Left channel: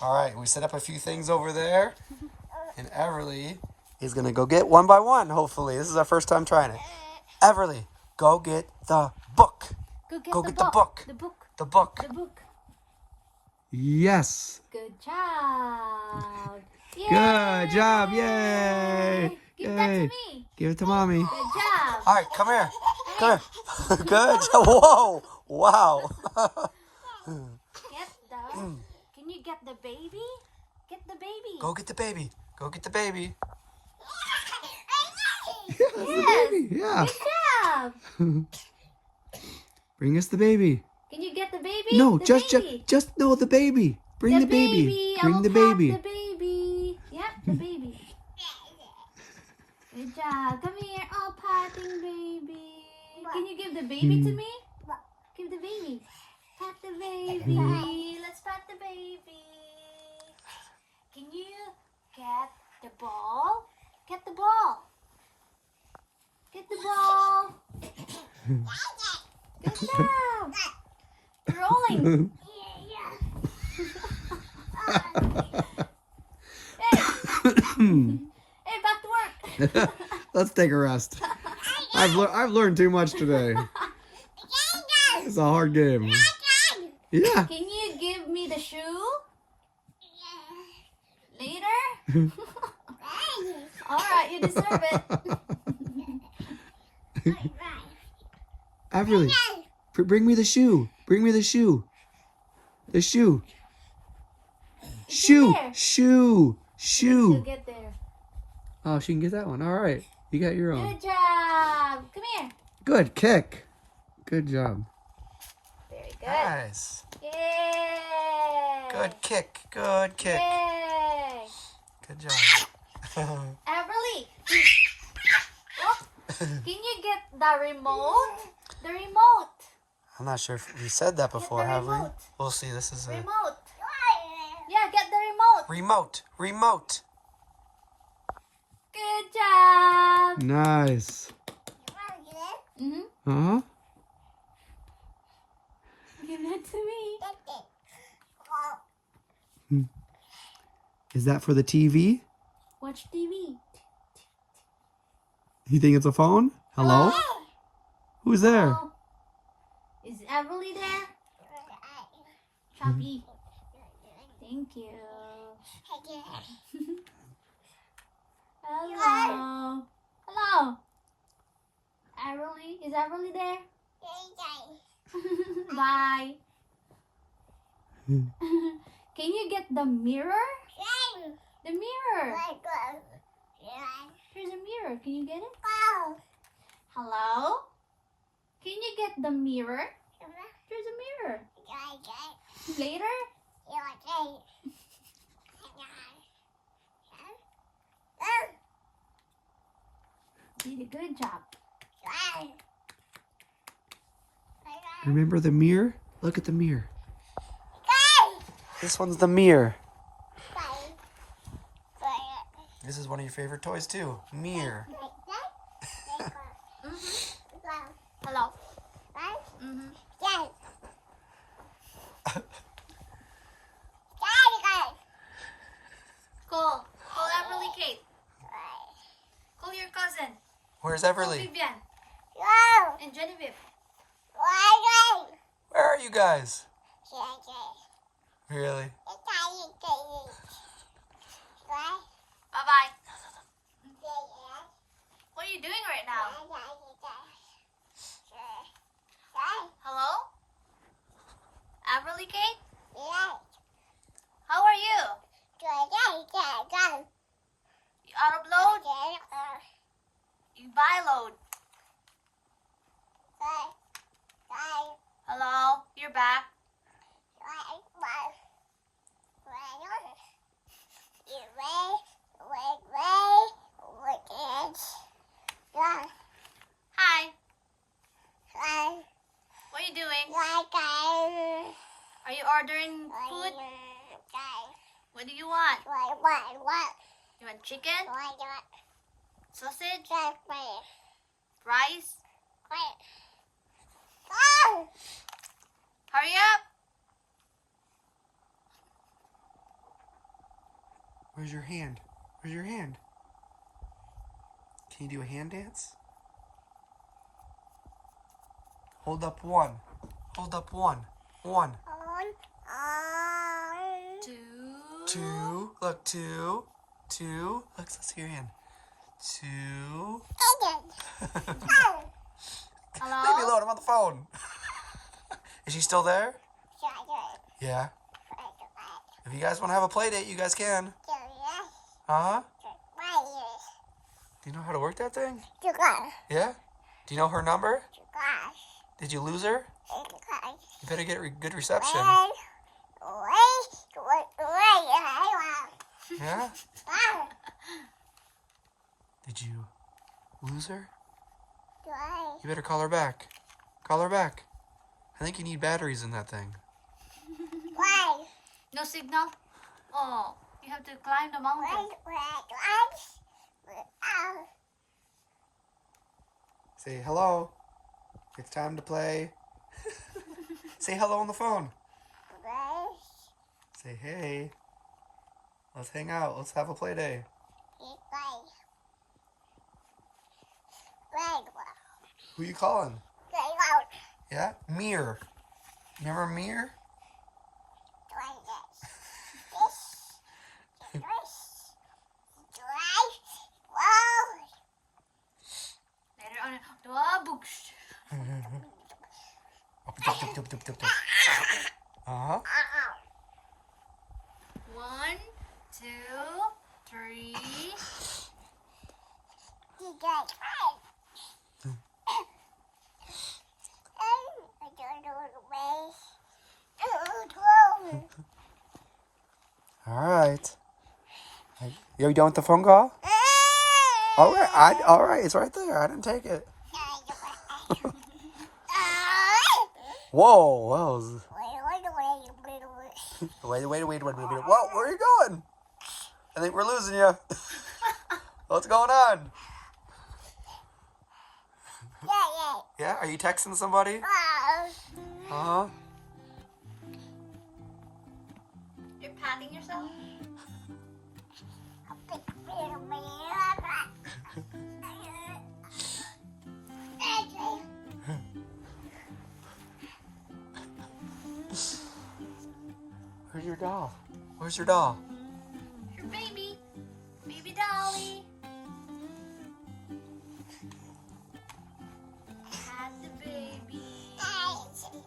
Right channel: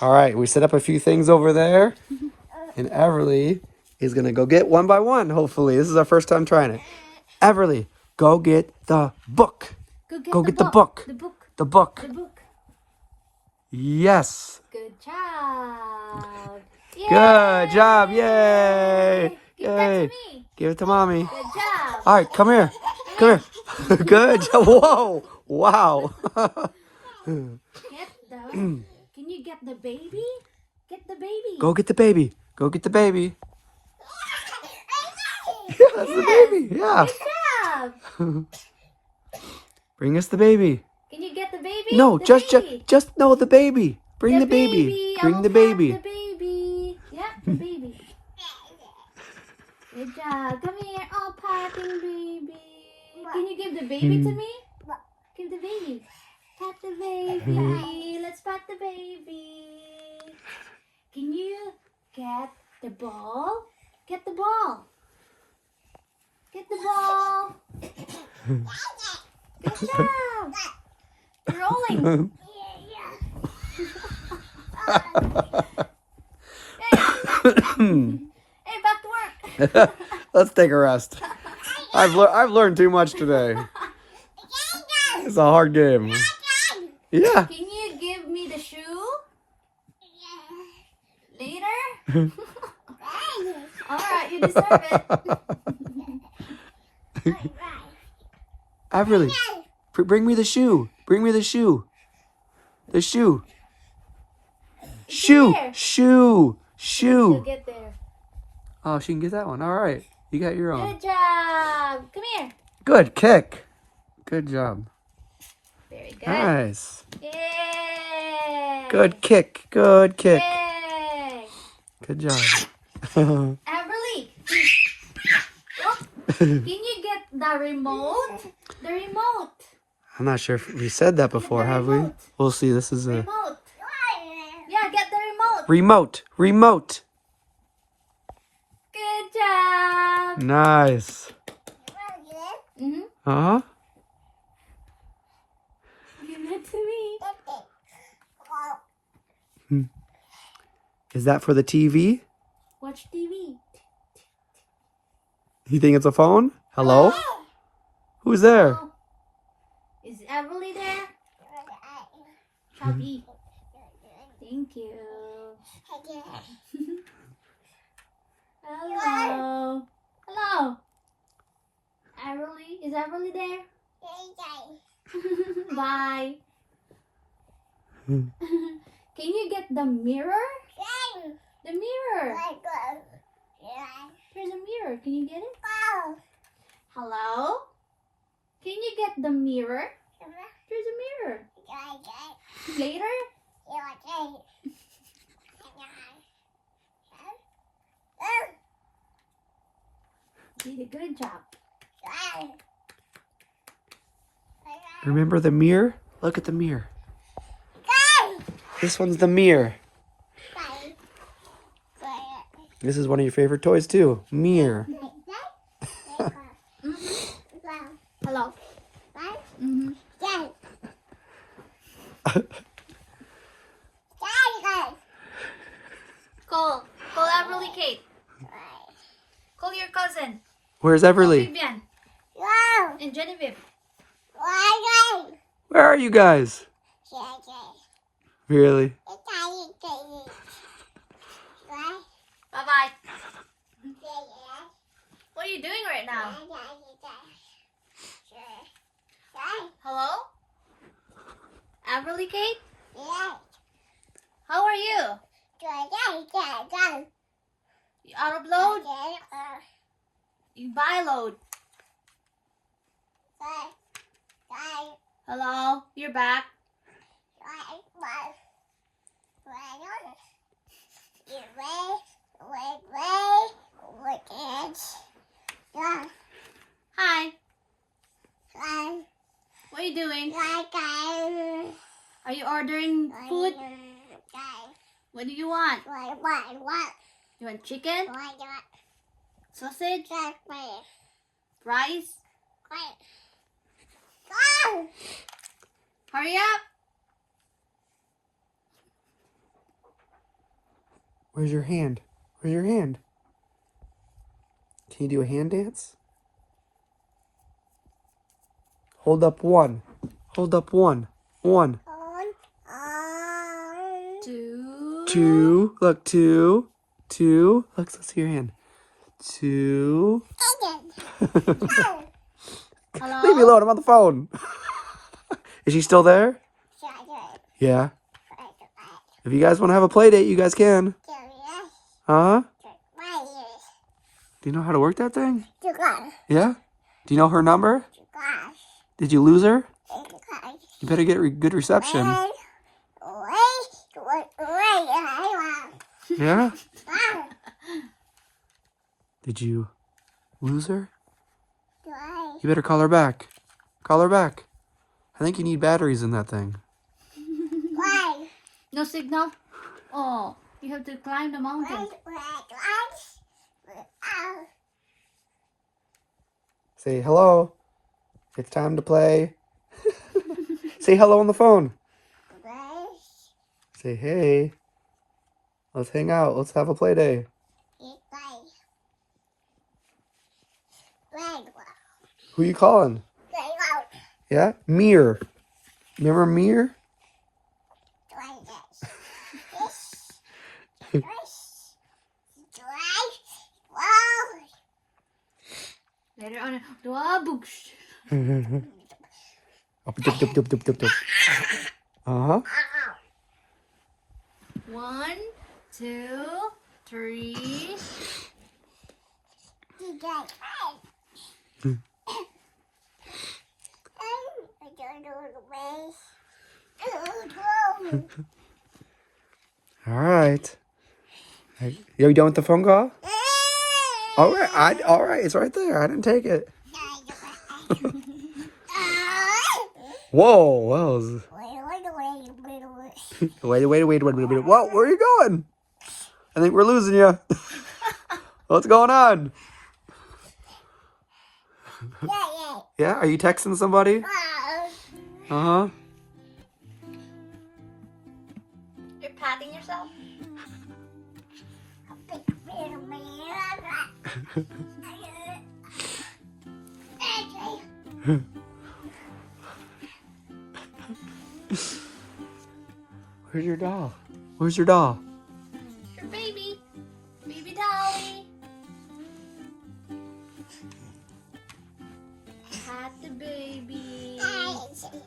All right, we set up a few things over there, and Everly is gonna go get one by one. Hopefully, this is our first time trying it. Everly, go get the book. Go get the book. The book. The book. The book. Yes. Good job. Yay! Good job. Yay. Give Yay. that to me. Give it to mommy. Good job. All right, come here. Come here. Good job. Whoa. Wow. Get the. Can you get the baby? Get the baby. Go get the baby. Go get the baby. Yeah, that's the baby. Yeah. Good job. Bring us the baby. Can you get the baby? No, The just no, the baby. Bring the baby. Bring the baby. The baby. Yeah, the baby. Good job. Come here. Oh, patting baby. Can you give the baby to me? Give the baby. Pat the baby. Let's pat the baby. Can you get the ball? Get the ball. Get the ball. Good job. You're rolling. Hey, back to work. Let's take a rest. I've learned too much today. It's a hard game. Yeah. Can you give me the shoe? Later? Alright, you deserve it. Everly, bring me the shoe. Bring me the shoe. The shoe. Shoe. There. Shoe. You'll Shoe. get there. Oh, she can get that one. All right. You got your own. Good job. Come here. Good kick. Good job. Very good. Nice. Yay. Good kick. Good kick. Yay. Good job. Everly. Oh, can you get the remote? The remote. I'm not sure if we said that before, have we? We'll see. This is a Remote. Yeah, get the remote. remote. Remote. Good job. Nice. Mm-hmm. Uh-huh. Give it to me. Is that for the TV? Watch TV. You think it's a phone? Hello? Who's there? Oh. Is Everly there? Chubby. Thank you. Hello. Hello. Everly? Is Everly there? Bye. Can you get the mirror? The mirror. There's a mirror. Can you get it? Hello? Can you get the mirror? There's a mirror. Later? You did a good job. Remember the mirror? Look at the mirror. This one's the mirror. This is one of your favorite toys too. Mirror. Hello. Mm-hmm. Call Everly Kate. Call your cousin. Where's Everly? Vivian and Genevieve. Where are you guys? Really? Bye-bye. What are you doing right now? Hello? Everly Kate? How are you? You out of load? You buy load. Hello? You're back. Hi. What are you doing? Are you ordering food? What do you want? You want chicken? Sausage? Rice? Hurry up! Where's your hand? Where's your hand? Can you do a hand dance? Hold up one. Hold up one. One. Two. Two. Look, two. Two. Let's see your hand. Two. Hello? Leave me alone. I'm on the phone. Is she still there? Yeah. If you guys want to have a play date, you guys can. Huh? Do you know how to work that thing? Yeah? Do you know her number? Did you lose her? You better get good reception. Yeah? Did you lose her? You better call her back. Call her back. I think you need batteries in that thing. No signal? Oh, you have to climb the mountain. Say hello. It's time to play. Say hello on the phone. Say hey. Let's hang out. Let's have a play day. Who you calling? Yeah? Mir. Remember Mir? Later on, dua books. Uh-huh. 1, 2, 3. All right. You done with the phone call? All right. All right. It's right there. I didn't take it. Whoa. Whoa. Wait. Whoa, where are you going? I think we're losing you. What's going on? Yeah? Are you texting somebody? Uh-huh. You're patting yourself? Where's your doll? Where's your doll? Your baby. Baby Dolly. Pat the baby.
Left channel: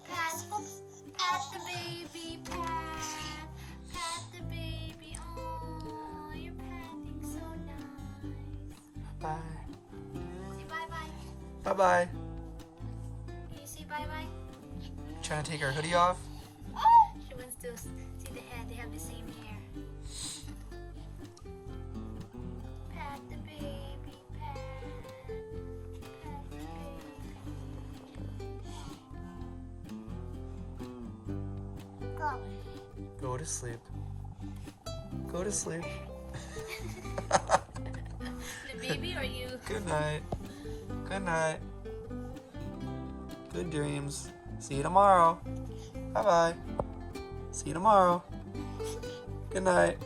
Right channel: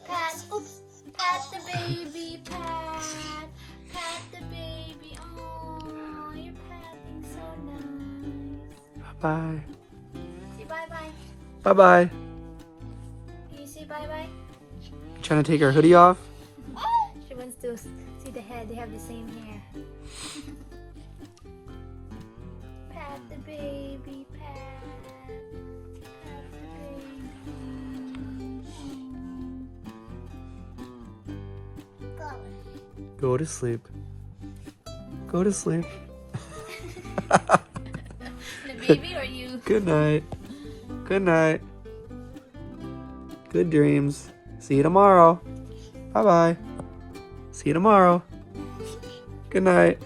Pat. Oops. Pat the baby. Pat. Pat the baby. Oh, you're patting so nice. Bye. Say bye-bye. Bye-bye. Can you say bye-bye? Trying to take her hoodie off? She wants to see the head. They have the same hair. Pat the baby, pat. Pat the baby. Go to sleep. Go to sleep. The baby or you? Good night. Good night. Good dreams. See you tomorrow. Bye-bye. See you tomorrow. Good night.